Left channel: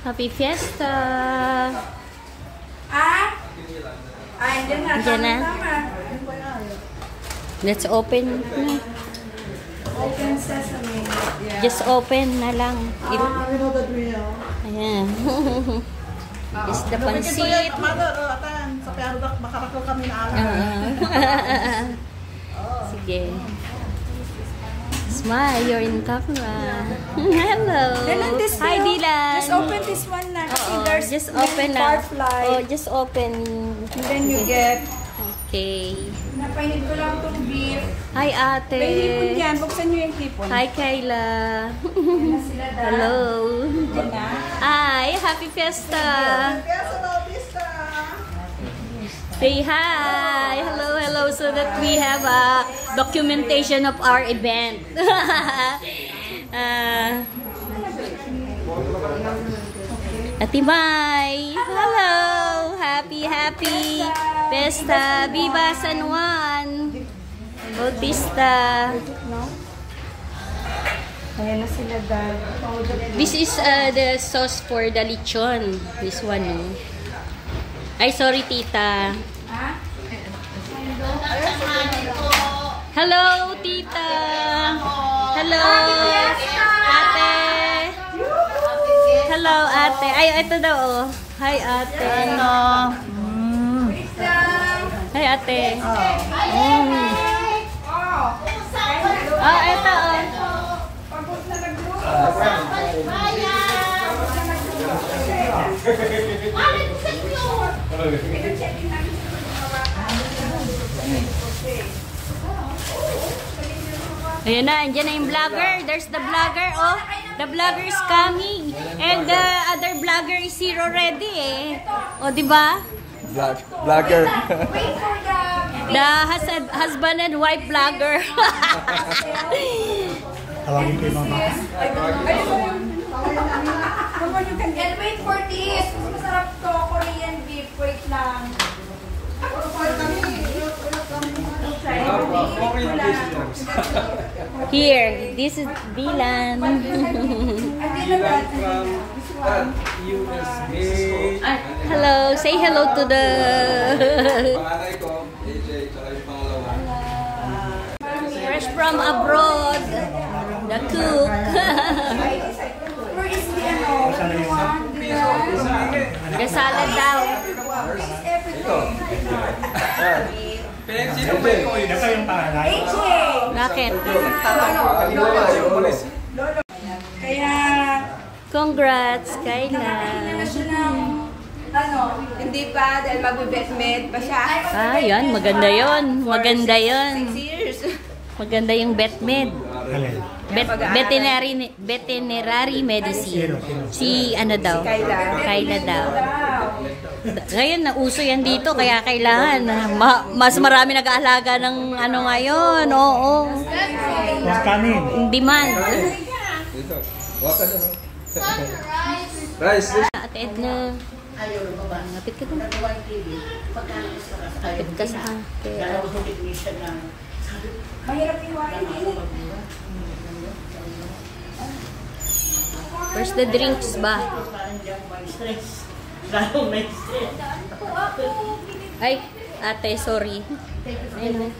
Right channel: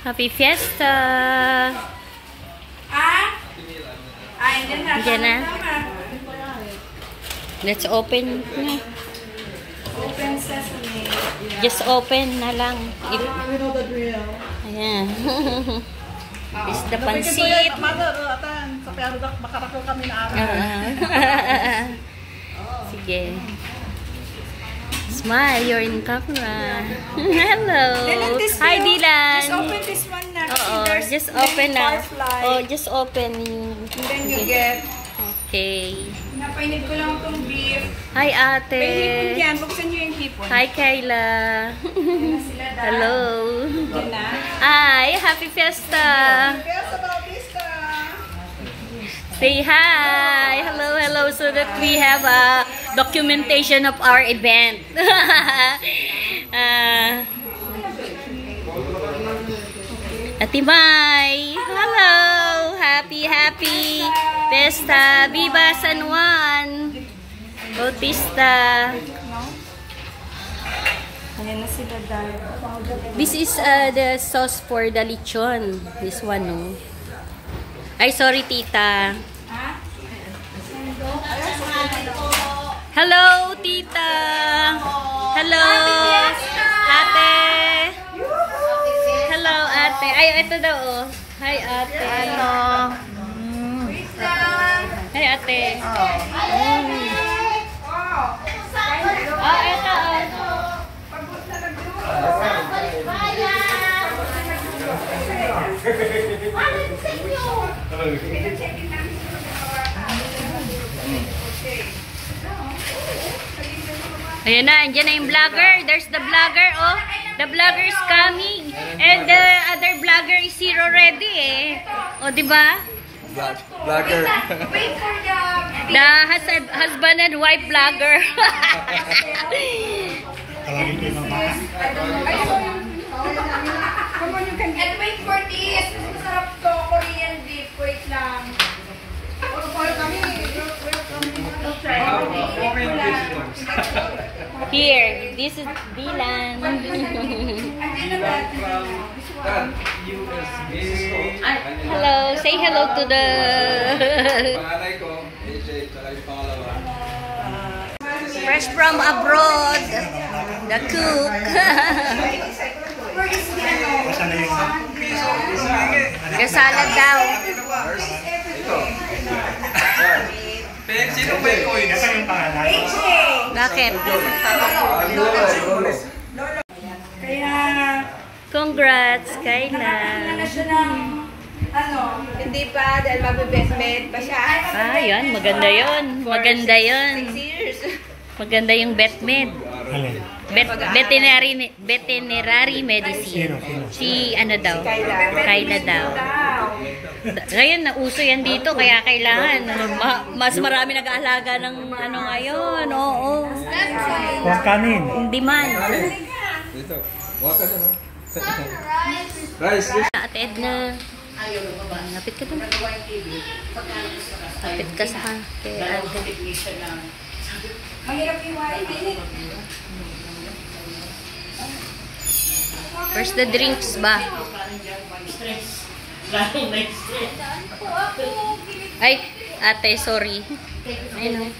Happy Fiesta! Diyan na. Let's open na. Open sesame. Yeah. Just open na lang. We know the drill. Ayan. Is the pansit. Sa Perdoc, makarakol kami na araw. Sige. Smile, you're in camera. Hello. Hi, Dylan. Just open this one na. Just open na. Oh, just open. And then you get... Okay. Napainit ko lang itong beef. Hi, ate. May hipon yan. Buksan nyo yung hipon. Hi, Kayla. Hello. Diyan na. Hi, happy Fiesta. Fiesta Bautista. Say hi. Hello, hello. So that we have a documentation of our event. Ate Mai. Hello. Happy Fiesta. Viva San Juan Bautista. Ayan na sila dad. This is the sauce for the lechon. This one, no? Ay, sorry, tita. Hello, tita. Hello, ate. Hello, ate. Ay, ito daw. Hi, ate. Ano? Hi, ate. Ito. Ayan na, andyan na yung vlogger. There's the vlogger, oh. The vlogger is coming. And the other vlogger is here already, eh. O, diba? Vlogger. The husband and wife vlogger. Come on, you can get. Wait for this. Masarap to. Korean beef. Wait lang. Here, this is Dylan. Hello, say hello to the fresh from abroad, the cook. The salad daw. Bakit? Kaya Congrats, Kayla. Hindi pa dahil mag-bestmed pa siya. Ah, yan. Maganda yun. Maganda yun. Maganda yung betmed. Veterinary medicine. Si ano daw? Kayla daw. Ngayon, nauso yan dito. Kaya kailangan. Mas marami nag-aalaga ng ano ngayon. Oo. Demand. Ate Edna. Lapit ka dun. Lapit ka sa kay ate. First the drinks ba? Ay, ate, sorry. Ayun.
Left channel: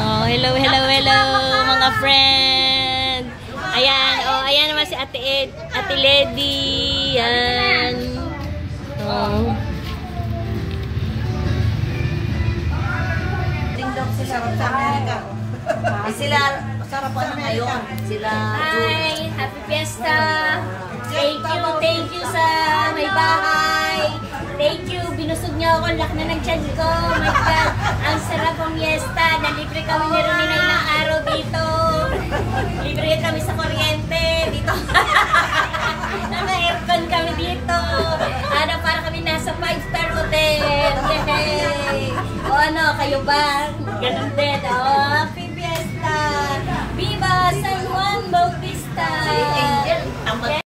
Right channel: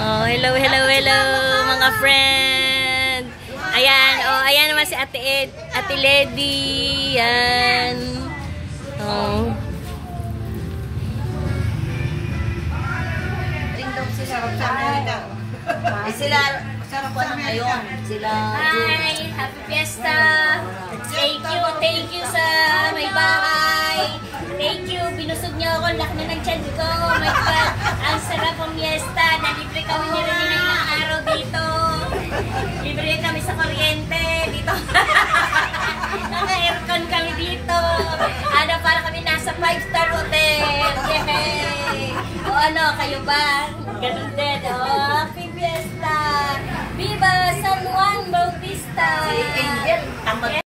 Oh, hello, hello, hello, mga friend. Ayan, oh, ayan naman si Ate Ed, Ate Lady. Yan. Oh. Sila, sarapan na ngayon. Sila, Hi, happy fiesta. Thank you sa may bahay. Thank you, binusog niyo ako, laki na ng tiyan ko. My God, ang sarap ang fiesta. Nalibre kami ni Ronina ilang araw dito. Libre kami sa kuryente dito. Naka-aircon kami dito. Ano, para kami nasa 5-star hotel. Yay! O ano, kayo ba? Ganun din, oh. Happy fiesta! Viva San Juan Bautista! si Angel, tamad